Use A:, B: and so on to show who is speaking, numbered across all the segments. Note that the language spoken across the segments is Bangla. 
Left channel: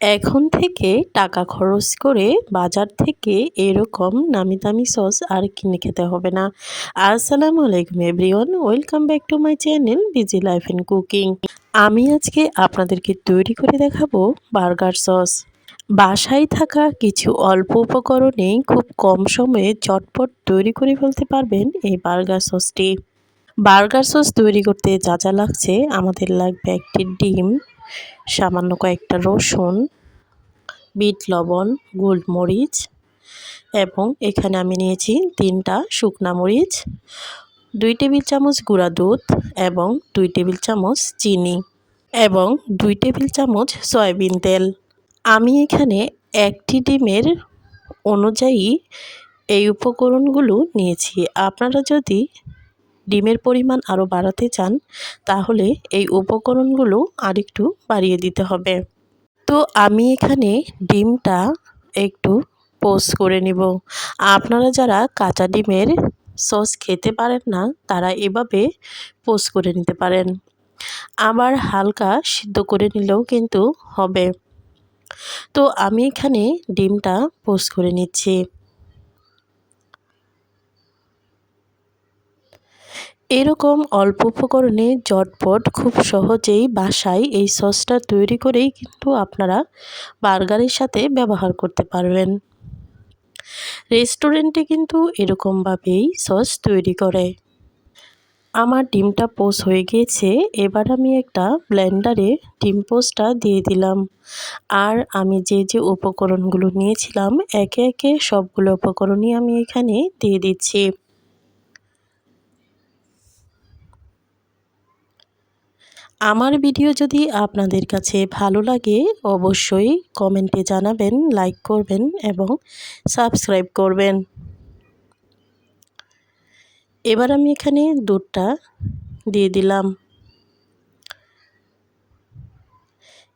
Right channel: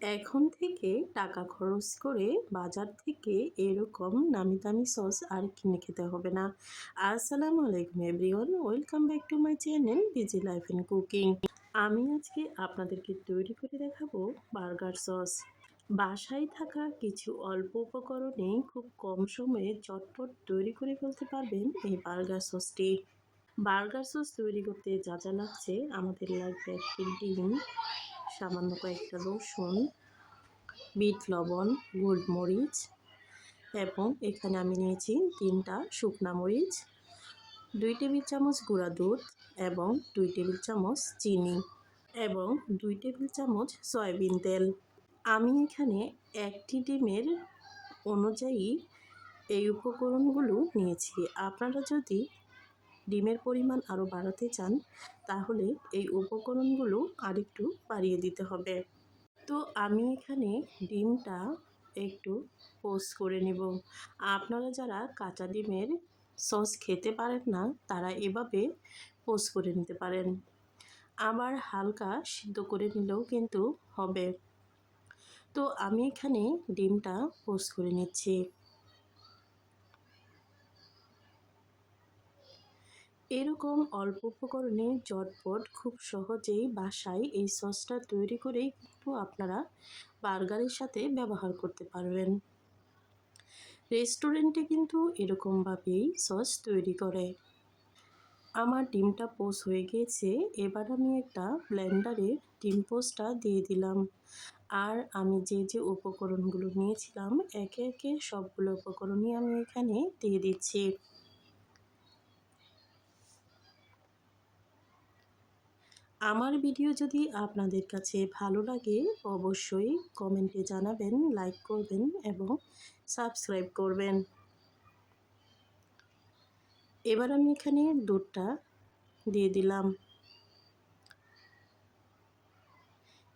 A: এখন থেকে টাকা খরচ করে বাজার থেকে এরকম নামি দামি সস আর কিনে খেতে হবে না। আসসালামু আলাইকুম everyone, welcome back to my channel busy life and cooking. আমি আজকে আপনাদেরকে তৈরি করে দেখাবো বার্গার সস। বাসায় থাকা কিছু অল্প উপকরণে খুব কম সময়ে চটপট তৈরি করে ফেলতে পারবেন এই বার্গার সসটি। বার্গার সস তৈরি করতে যা যা লাগছে, আমাদের লাগবে একটি ডিম সামান্য কয়েকটা রসুন, বিট লবণ, গোলমরিচ এবং এখানে আমি নিয়েছি তিনটা শুকনা মরিচ, দুই টেবিল চামচ গুঁড়া দুধ এবং দুই টেবিল চামচ চিনি এবং দুই টেবিল চামচ সয়াবিন তেল। আমি এখানে একটি ডিমের অনুযায়ী এই উপকরণগুলো নিয়েছি। আপনারা যদি ডিমের পরিমাণ আরও বাড়াতে চান, তাহলে এই উপকরণগুলো আরেকটু বাড়িয়ে দিতে হবে। তো আমি এখানে ডিমটা একটু পোস্ট করে নিব। আপনারা যারা কাঁচা ডিমের সস খেতে পারেন না, তারা এভাবে পোস্ট করে নিতে পারেন। আবার হালকা সিদ্ধ করে নিলেও কিন্তু হবে। তো আমি এখানে ডিমটা পোস্ট করে নিচ্ছি। এরকম অল্প উপকরণে জটপট খুব সহজেই বাসায় এই সসটা তৈরি করেই কিন্তু আপনারা বার্গারের সাথে ব্যবহার করতে পারবেন। রেস্টুরেন্টে কিন্তু এরকমভাবেই সস তৈরি করে। আমার ডিমটা পোস হয়ে গিয়েছে, এবার আমি একটা ব্লেন্ডারে ডিম পোস্টটা দিয়ে দিলাম। আর আমি যে যে উপকরণগুলো নিয়েছিলাম, একে একে সবগুলো উপকরণই আমি এখানে দিয়ে দিচ্ছি। আমার ভিডিও যদি আপনাদের কাছে ভালো লাগে, অবশ্যই কমেন্টে জানাবেন, লাইক করবেন এবং সাবস্ক্রাইব করবেন। এবার আমি এখানে দুধটা দিয়ে দিলাম।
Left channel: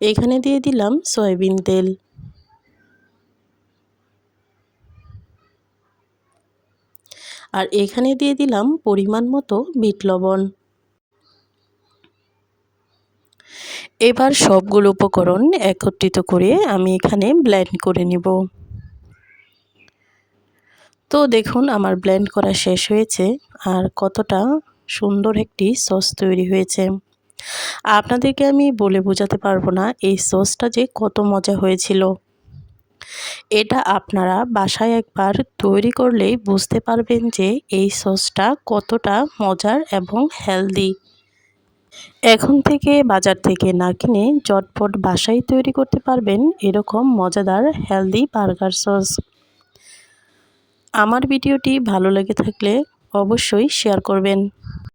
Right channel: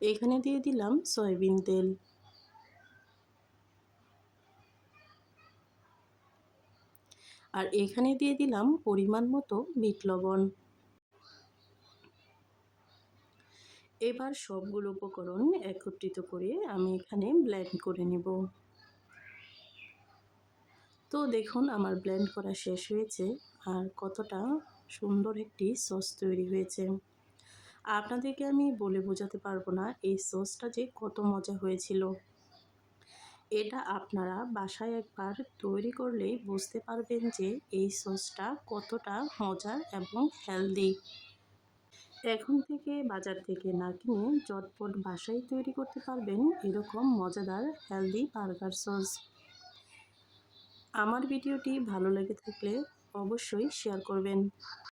A: এখানে দিয়ে দিলাম সয়াবিন তেল। আর এখানে দিয়ে দিলাম পরিমাণ মতো বিট লবণ। এবার সবগুলো উপকরণ একত্রিত করে আমি এখানে ব্লেন্ড করে নিব। তো দেখুন, আমার ব্লেন্ড করা শেষ হয়েছে আর কতটা সুন্দর একটি সস তৈরি হয়েছে। আপনাদেরকে আমি বলে বোঝাতে পারব না এই সসটা যে কত মজা হয়েছিল। এটা আপনারা বাসায় একবার তৈরি করলেই বুঝতে পারবেন যে এই সসটা কতটা মজার এবং হেলদি এখন থেকে বাজার থেকে না কিনে চটপট বাসায় তৈরি করতে পারবেন এরকম মজাদার হেলদি বার্গার সস আমার ভিডিওটি ভালো লেগে থাকলে অবশ্যই শেয়ার করবেন।